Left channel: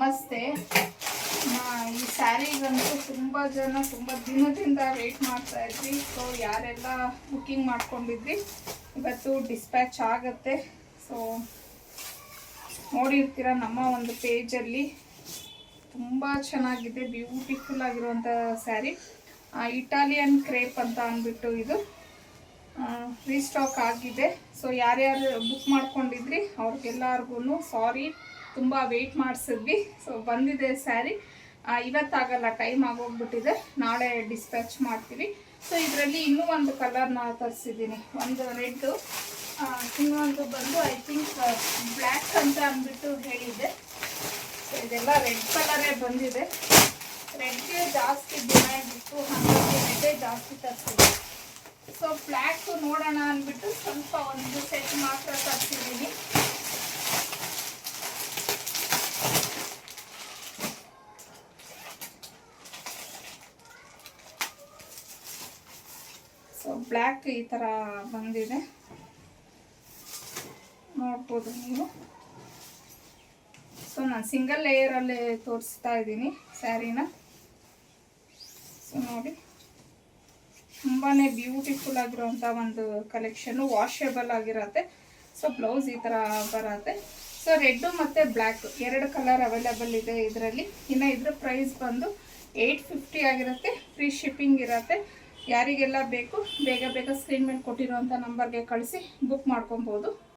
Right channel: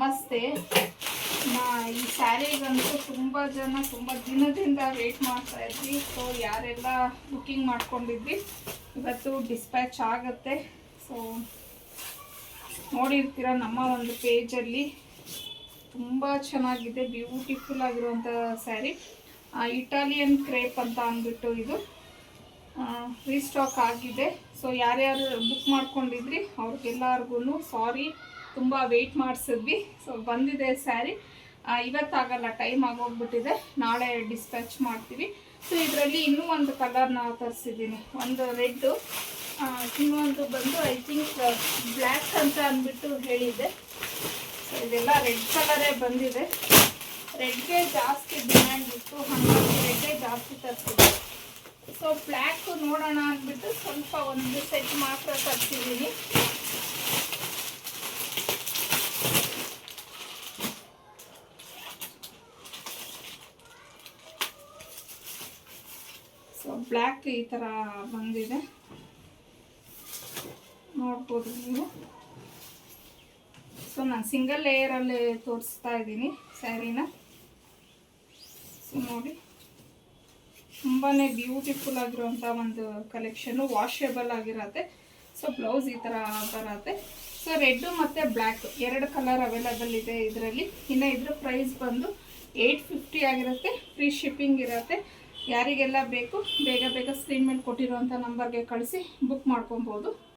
ನಮಸ್ತೆ. ಈ ಸ್ಯಾರಿಗಂತೂ ತುಂಬ ಜನ ತುಂಬ ದಿನದಿಂದ ವೇಟ್ ಮಾಡ್ತಾ ಇದ್ವಿ. ಸೊ ಯಾರೆಲ್ಲ ಬುಕ್ಕಿಂಗ್ ಮಾಡ್ಕೊಂಡಿದ್ವಿ ಇವತ್ತು ಡಿಸ್ಪ್ಯಾಚ್ ಆಗುತ್ತೆ. ಸೊ ನೋಡಿರ್ತೀರ ನಮ್ಮ ಒಂದು ಪೇಜಲ್ಲಿ ತುಂಬ ಚೆನ್ನಾಗಿದೆ, ಬ್ಯೂಟಿಫುಲ್ ಆಗಿರುವಂಥ ಸ್ಯಾರಿ. ಇಟಾಲಿಯನ್ ಕ್ರೇಪ್ ಅಂತ ಅಂದ್ಬಿಟ್ಟು ಇದು ರೀಸ್ಟಾಕ್ ಆಗಿದೆ. ಸೊ ಯಾರ್ಯಾರು ಬುಕ್ ಮಾಡ್ಕೊಂಡಿದ್ರಿ ಅವ್ರಿಗೆಲ್ಲರಿಗೂ ಸಾರಿ, ತುಂಬ ವೆಯ್ಟ್ ಮಾಡಿಸಿದ್ವಿ. ಸೊ ಬಂದಿದೆ ಸ್ಯಾರಿ, ಇವತ್ತಾಗಲ್ಲ, ಟೈಮ್ ಆಗೋಗ್ಬಿಟ್ಟಿದೆ, ನಾಳೆ ಡಿಸ್ಪ್ಯಾಚ್ ಮಾಡ್ತೀವಿ. ಸೊ ಇದರಲ್ಲಿ ಇನ್ನೂ ಒಂದು ಕಲರ್ನ ತರಿಸಿದ್ದೀನಿ, ಒಂದು ರೆಡ್ಡು, ಇನ್ನೊಂದು ಬಂದು ಐ ಥಿಂಕ್ ಬ್ಲ್ಯಾಕ್ ಅಂತ ಅಂದ್ಬಿಟ್ಟು ಹೇಳಿದ್ದೆ. ಸೊ ಇದೆಲ್ಲ ರೆಡ್ ಕಲರೇ ಬಂದಿದೆ. ರೆಡ್ಗೆ ಜಾಸ್ತಿ ಡಿಮ್ಯಾಂಡ್ ಇತ್ತು, ಹಾಗಾಗಿ ರೆಡ್ಡೇ ಜಾಸ್ತಿ ತರಿಸಿದೆ. ಸೊ ಬ್ಲ್ಯಾಕ್ ನೋಡೋಣ ಅಂದ್ಬಿಟ್ಟು ಸ್ವಲ್ಪ ಒಂದು ಸೆಟ್ ಮಾತ್ರ ತರಿಸಿದ್ದೀನಿ. ಸೊ ಬ್ಲ್ಯಾಕ್ ಈ ಥರ ಬಂದಿದೆ, ನೋಡ್ಬೋದು ನೀವು. ಸೊ ನಾನು ಸಿಂಗಲ್ ಲೇಯರಲ್ಲಿ ತೋರಿಸ್ತಾ ಇದ್ದೀನಿ ಸ್ಯಾರಿನ. ಸೊ ನೋಡಿ, ತುಂಬಾ ಬ್ಯೂಟಿಫುಲ್ ಆಗಿರುವಂಥ ಒಂದು ಕಲೆಕ್ಷನ್ನು, ವಾಷೇಬಲ್ ಆಗಿರತ್ತೆ. ಸೊ ಬ್ಲೌಸ್ ಈ ಥರ ಬರತ್ತೆ. ಸೊ ರೆಡ್ಡು ಮತ್ತು ಬ್ಲ್ಯಾಕ್ ಎರಡು ಕಲರ್ ಅವೈಲಬಲ್ ಇದೆ ಇದರಲ್ಲಿ. ಇನ್ನು ಇದ್ರ ಪ್ರೈಸ್ ಬಂದು 850 ಆಗಿರುತ್ತೆ, ಫ್ರೀ ಶಿಪ್ಪಿಂಗ್ ಇರುತ್ತೆ. ಯಾರಿಗೆಲ್ಲ ಬೇಕು ಬೇಗ ಬೇಗ ಸ್ಕ್ರೀನ್ ಮೇಲೆ ಕೊಟ್ಟಿರುವಂಥ ನಂಬರ್ಗೆ ಕಳಿಸಿ ಬುಕ್ ಮಾಡ್ಕೊಬೋದು.